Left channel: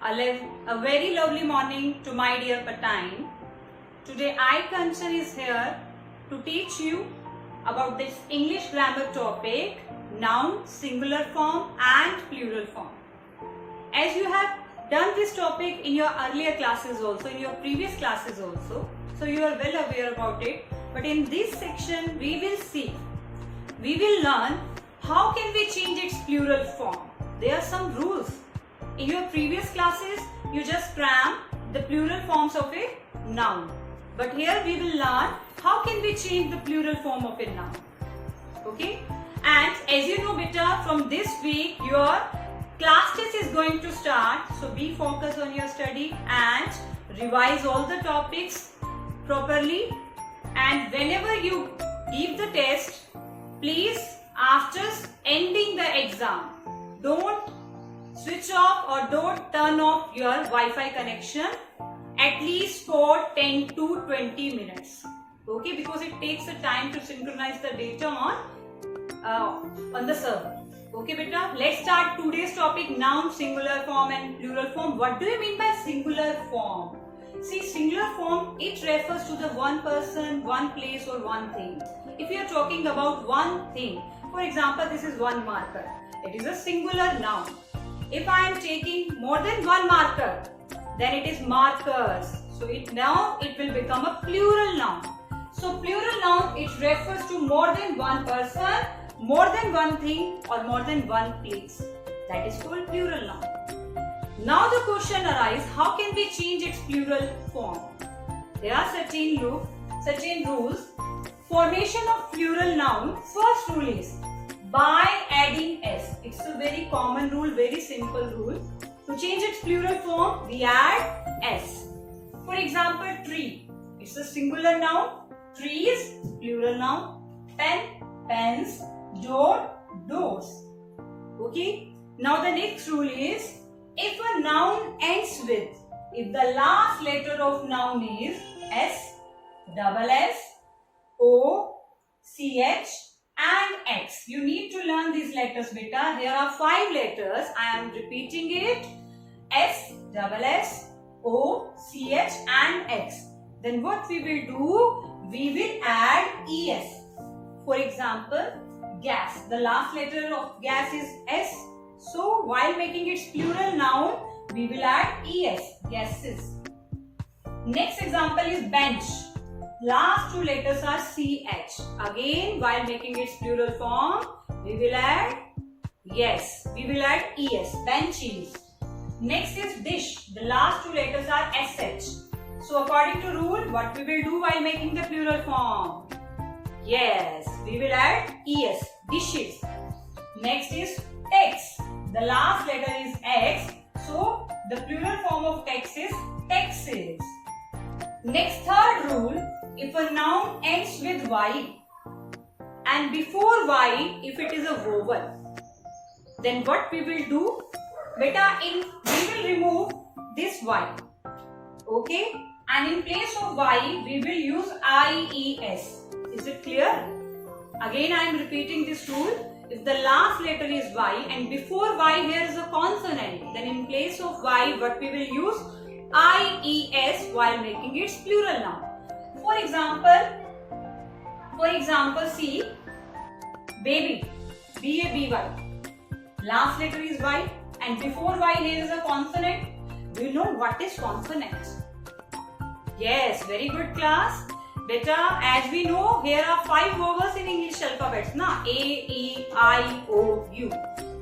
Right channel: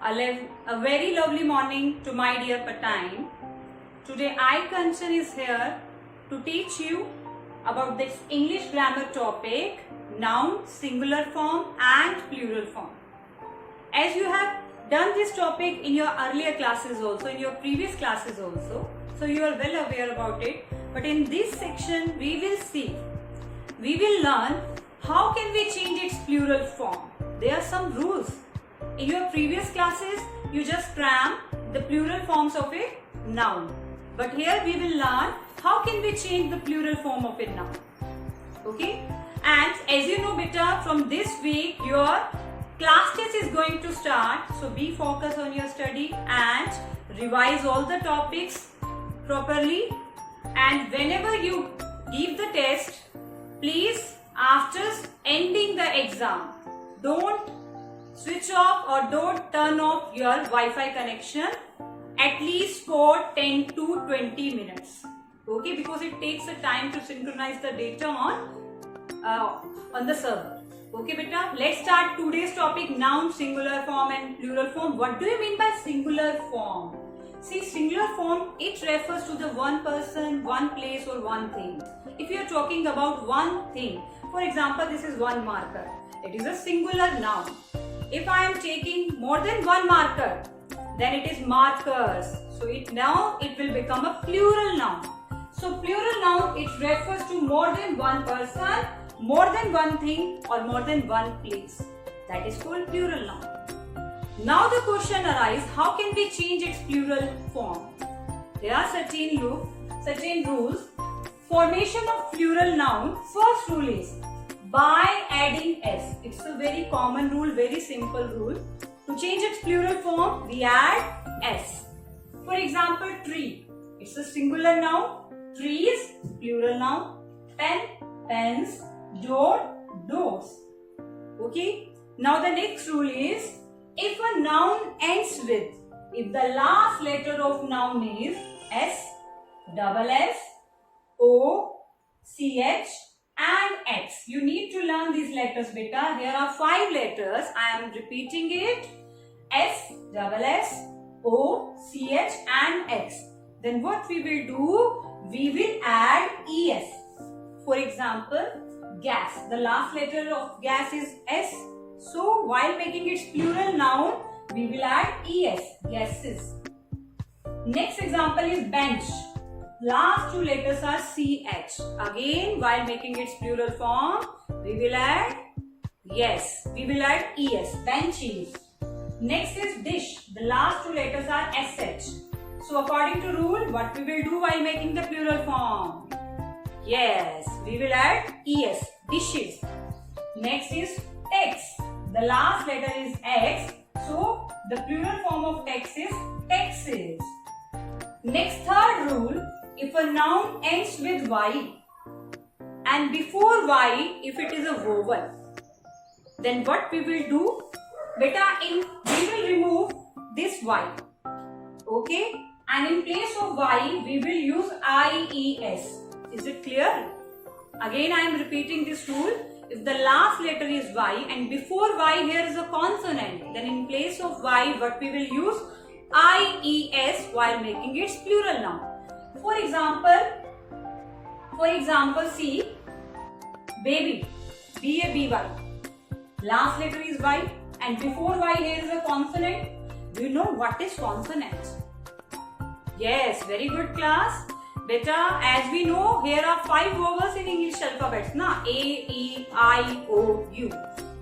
A very lovely morning to my dear Patine. Today I Kanchan is here to teach you about this English grammar topic, noun, singular form and plural form. As you have done this topic in your earlier classes also, in your previous classes also, so you are well aware about it. But in this section we will learn how can we change its plural form. There are some rules. In your previous classes, you just cram the plural forms of a noun. But here we will learn how can we change the plural form of a noun. Okay? And as you know beta, from this week your class test is going to start. So be focused on your study and revise all the topics properly. And whenever you give the test, please after ending the exam, don't switch off or don't turn off your Wi-Fi connection at least for 10 to 20 minutes. Okay, because it takes a time to synchronize the data on the server. Okay, beta, let's start today's topic, noun, singular form and plural form. What do you mean by singular form? See, singular form, it refers to the one person, one place or one thing. If you are talking about one thing, for example, this is one marker. It is a singular noun. If I am taking more than one marker, then it is markers. So now it will become a plural noun. So plural noun, it refers to more than one person, more than one thing or more than one place. That is called plural noun. Now the question arises, how can we change its plural form? There are certain rules. Formation of plural noun, first rule is by adding s. It's a very common rule, very simple rule. To change its plural form, we add s. For example, tree. It's a singular noun. Trees, plural noun. Pen, pens. Door, doors. Okay. Now the next rule is, if a noun ends with, if the last letter of noun is s, double s, o, ch and x. You need to learn these letters beta. There are 5 letters. I am repeating it. S, double s, o, ch and x. Then what we will do? We will add es. For example, gas. The last letter of gas is s. So while making its plural noun, we will add es. Gases. Next example is bench. Last 2 letters are ch. Again, while making its plural form, we will add yes. We will add es. Benches. Next is dish. The last 2 letters are sh. So according to rule, what we will do while making the plural form? Yes, we will add es. Dishes. Next is text. The last letter is x. So the plural form of text is texts. Next, third rule. If a noun ends with y and before y, if it is a vowel, then what we will do? Beta, we will remove this y. Okay? And in place of y, we will use ies. Is it clear? Again, I am repeating this rule. If the last letter is y and before y here is a consonant, then in place of y, what we will use? ies while making its plural noun. For example, see, baby, B-A-B-Y. Last letter is y and before y here is a consonant. Do you know what is consonant? Yes, very good class. Beta, as we know, here are 5 vowels in English alphabets, na? A, E, I, O, U.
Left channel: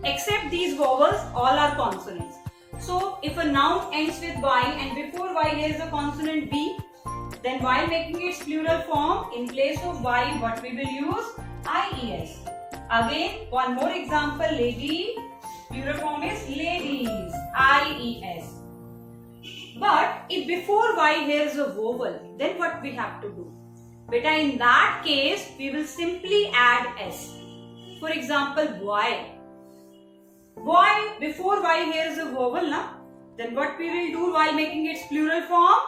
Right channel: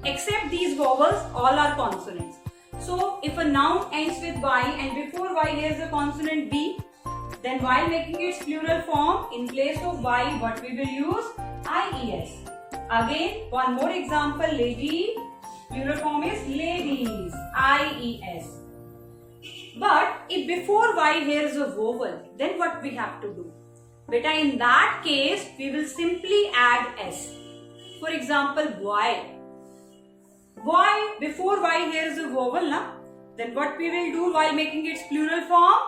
Except these vowels, all are consonants. So, if a noun ends with y and before y here is a consonant b, then while making its plural form, in place of y, what we will use? ies. Again, one more example, lady. Plural form is ladies. ies. But if before y here is a vowel, then what we have to do? Beta, in that case, we will simply add s. For example, boy. Boy, before y here is a vowel, na? Then what we will do while making its plural form?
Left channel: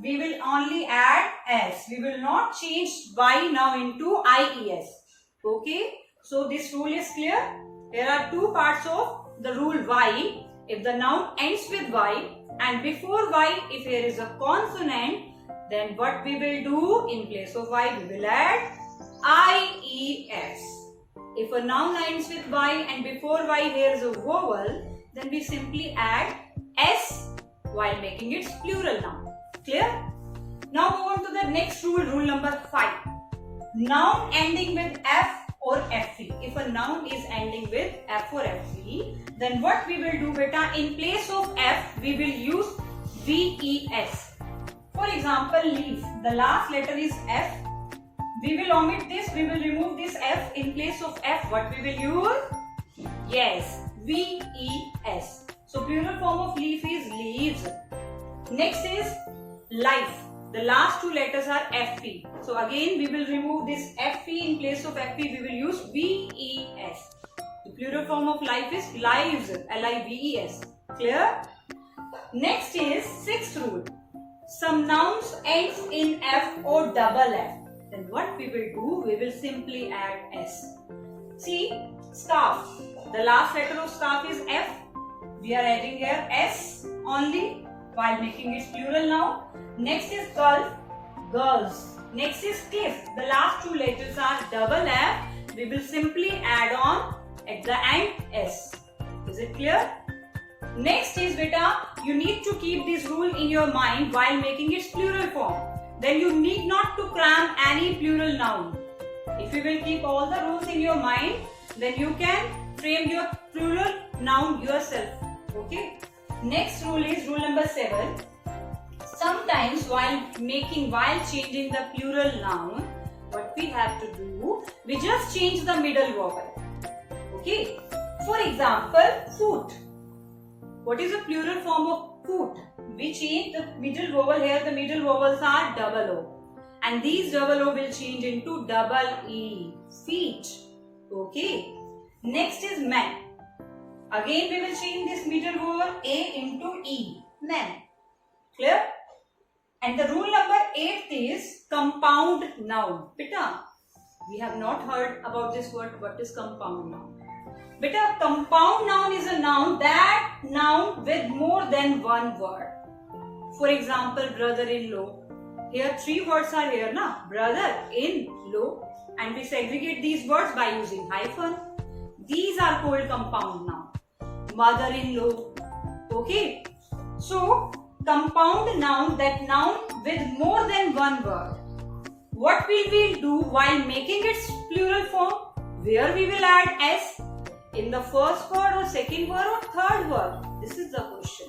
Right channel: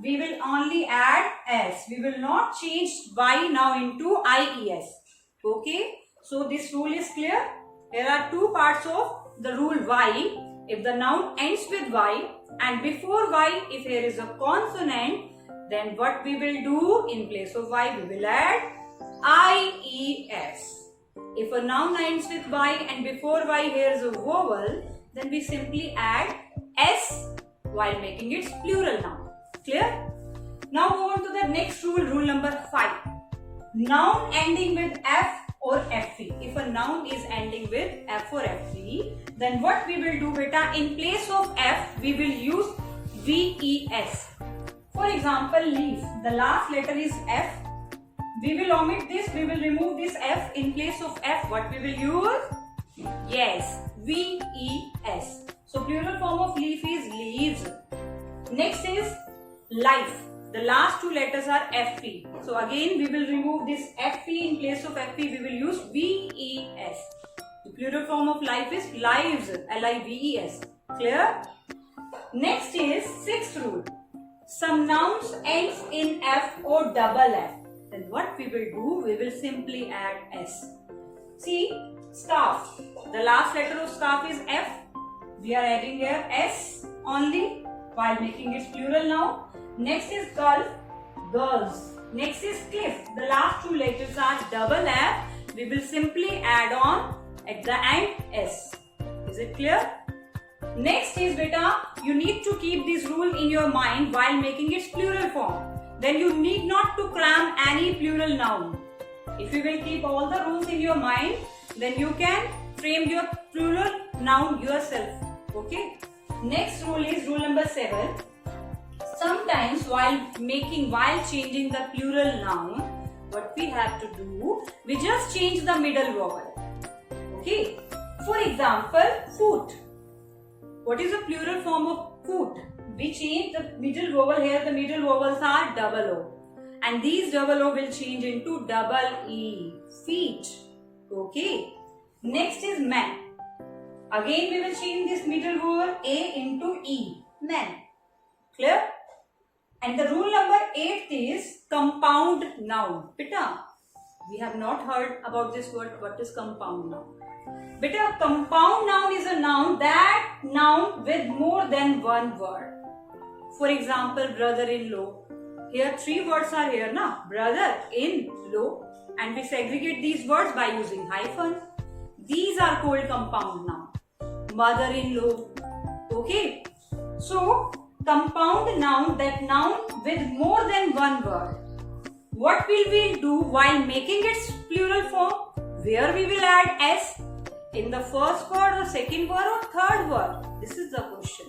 We will only add s. We will not change y now into ies. Okay? So this rule is clear. There are 2 parts of the rule y. If the noun ends with y, and before Y, if here is a consonant, then what we will do in place of Y, we will add IES. If a noun ends with Y and before Y here is a vowel, then we simply add S while making its plural noun. Clear? Now move on to the next rule, rule number 5. Noun ending with F or FE. If a noun is ending with F or FE, then what we will do, beta, in place of F, we will use VES. For example, leaf. The last letter is F. We will omit this, we will remove this F. In place of F, what we will use? Yes, VES. So plural form of leaf is leaves. Next is life. The last two letters are FE. So again we will remove this FE. In place of FE, we will use VES. The plural form of life is lives. LIVES. Clear? Next is sixth rule. Some nouns ends in F or double F. Then what we will do, we will simply add S. See, scarf. The last letter of scarf is F. We are adding here S only while making its plural now. Next is gulf, girls. Next is cliff. The last two letters are double F. We will simply add on at the end S. Is it clear? Next is, beta, you need to keep this rule in your mind while making its plural form. Then you need not to cram any plural noun. If you will keep all the rules in your mind, then you can frame your plural noun yourself. Okay. Next rule is rule number 7. Sometimes while changing the plural noun, what we have to do, we just change the middle vowel. Okay. For example, foot. What is the plural form of foot? We change the middle vowel here. The middle vowels are double O. And these double O will change into double E. Feet. Okay. Next is man. Again we will change this middle vowel A into E. Man. Clear? And the rule number 8 is compound noun. Beta, we have not heard about this word. What is compound noun? Beta, compound noun is a noun with more than one word. For example, brother-in-law. Here 3 words are here, na? Brother-in-law. And we segregate these words by using hyphen. These are called compound noun. Mother-in-law. Okay. So, compound noun, that noun with more than one word. What will we do while making its plural form? Where we will add S? In the first word or second word or third word? This is the question.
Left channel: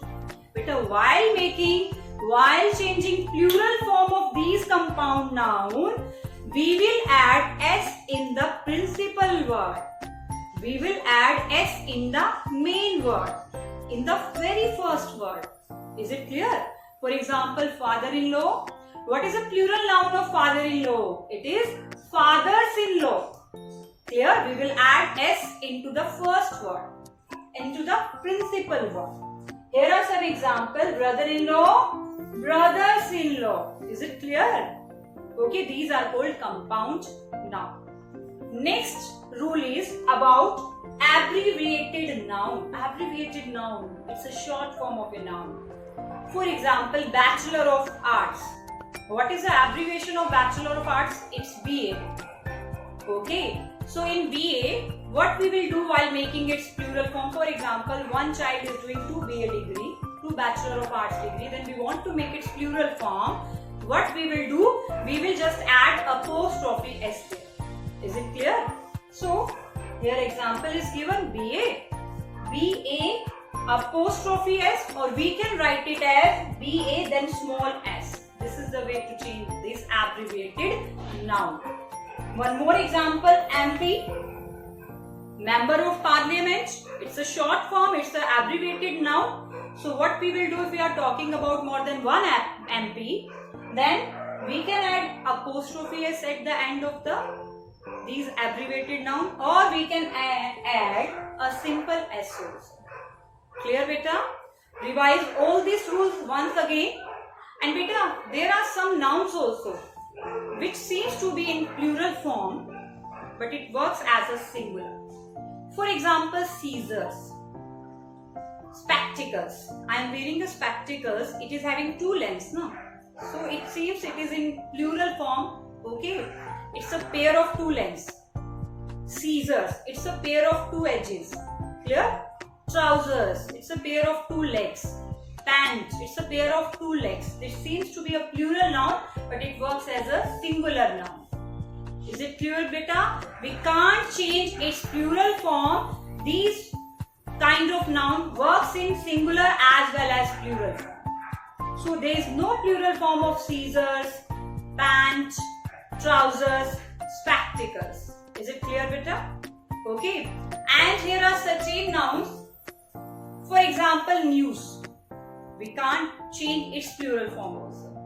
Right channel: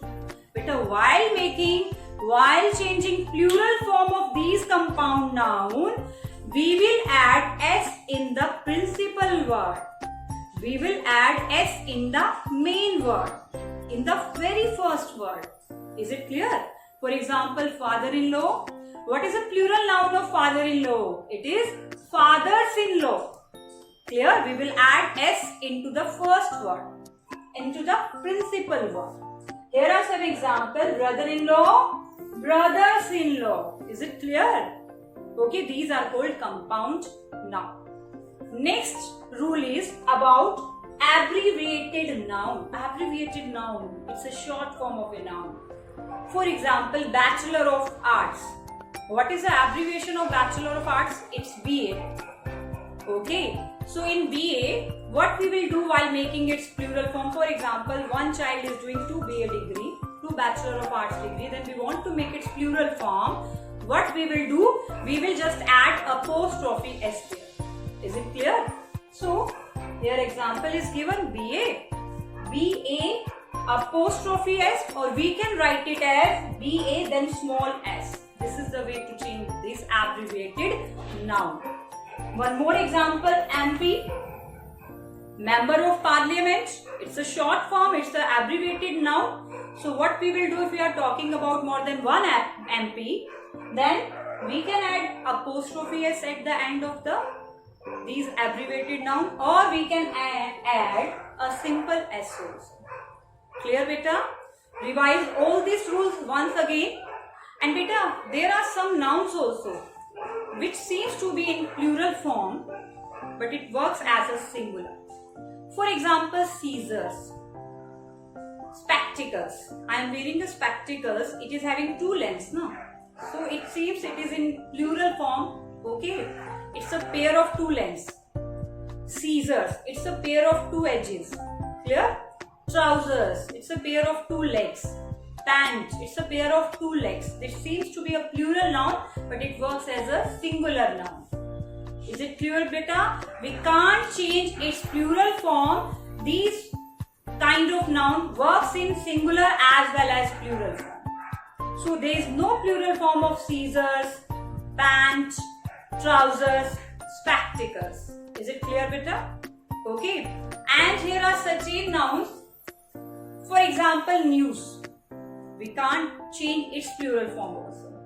But while changing plural form of these compound noun, we will add S in the principal word. We will add S in the main word. In the very first word. Is it clear? For example, father-in-law. What is a plural noun of father-in-law? It is fathers-in-law. Clear? We will add S into the first word, into the principal word. Here are some examples. Brother-in-law, brothers-in-law. Is it clear? Okay, these are called compound noun. Next rule is about abbreviated noun. Abbreviated noun. It's a short form of a noun. For example, Bachelor of Arts. What is the abbreviation of Bachelor of Arts? It's BA. Okay. So in BA, what we will do while making its plural form? For example, one child is doing 2 BA degree, 2 Bachelor of Arts degree. Then we want to make its plural form. What we will do? We will just add apostrophe S there. Is it clear? So, here example is given BA. BA apostrophe S, or we can write it as BA then small s. This is the way to change this abbreviated noun. One more example, MP. Member of Parliament. It's a short form, it's an abbreviated noun. So what we will do if we are talking about more than one MP, then we can add apostrophe S at the end of these abbreviated noun, or we can add a simple S also. Clear, beta? Revise all these rules once again. And beta, there are some nouns also which seems to be in plural form, but it works as a singular. For example, Caesars. spectacles. I am wearing the spectacles. It is having two lens, no? So it seems it is in plural form. Okay, it's a pair of two lens. Scissors, it's a pair of two edges. Clear? Trousers, it's a pair of two legs. Pant, it's a pair of two legs. This seems to be a plural noun, but it works as a singular noun. Is it clear, beta? We can't change its plural form. These kind of noun works in singular as well as plural form. So there is no plural form of scissors, pant, trousers, spectacles. Is it clear, beta? Okay. And here are certain nouns. For example, news. We can't change its plural form also.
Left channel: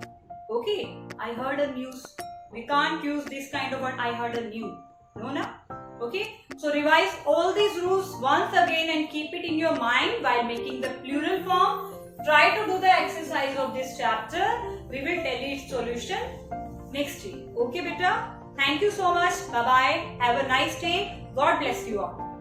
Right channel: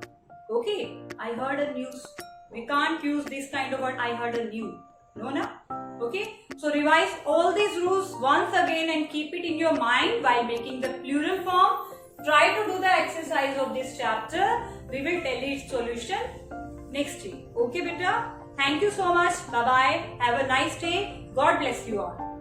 Okay. I heard a news. We can't use this kind of word. I heard a new. No, na? Okay. So revise all these rules once again and keep it in your mind while making the plural form. Try to do the exercise of this chapter. We will tell you its solution next week. Okay, beta? Thank you so much. Bye-bye. Have a nice day. God bless you all.